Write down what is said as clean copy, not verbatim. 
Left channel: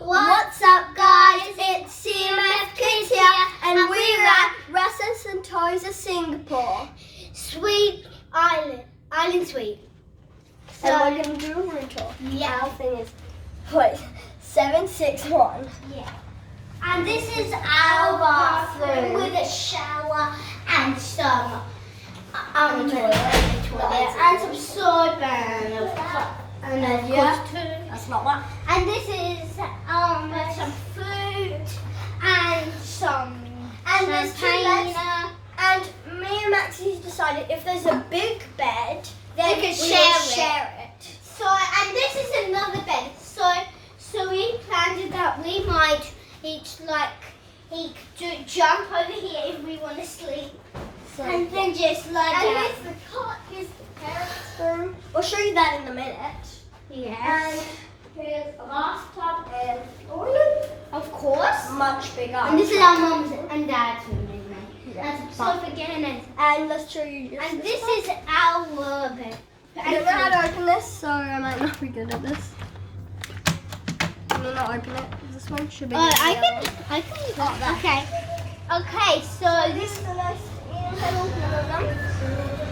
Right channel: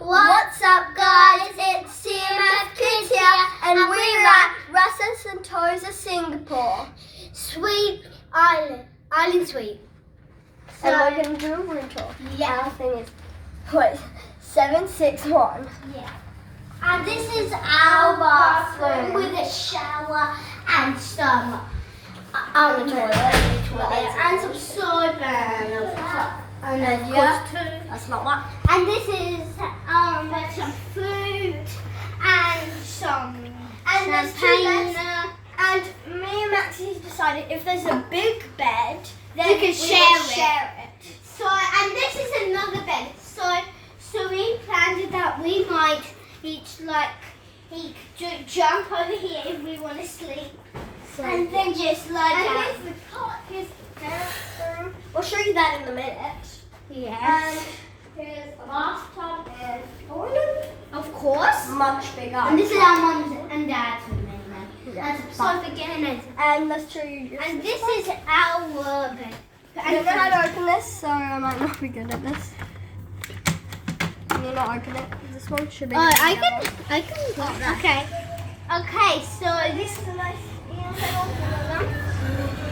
What's up, guys? It's CMF Kids here, and we're at Rasa Sentosa, Singapore. Sweet Island Suite. And we're going to do a room tour. Yeah. Our thing is, 761. Yeah. And this is our bathroom with a shower and some toilet. and some soap and That's not that. and this is some food and some there's two beds. champagne. And me and Maxi decided if there's a big bed, then We can will share it. So and this is another bed. So we planned it that we might each jump over here if we want to sleep, So, and then just lie and down. here's the cot, here's the parents' room. We'll show you that in a minute. Yes. And here's the bathtub and toilet. Of course. Much bigger. And this is our mum's and dad's room anyway. Yeah. That's so again. And let's show you just And this is our bed. I don't know how to open this, so I might not be good at this. Can you not open it? This one should be. Oh, I can got that. Okay. Okay, so This is the nice little room.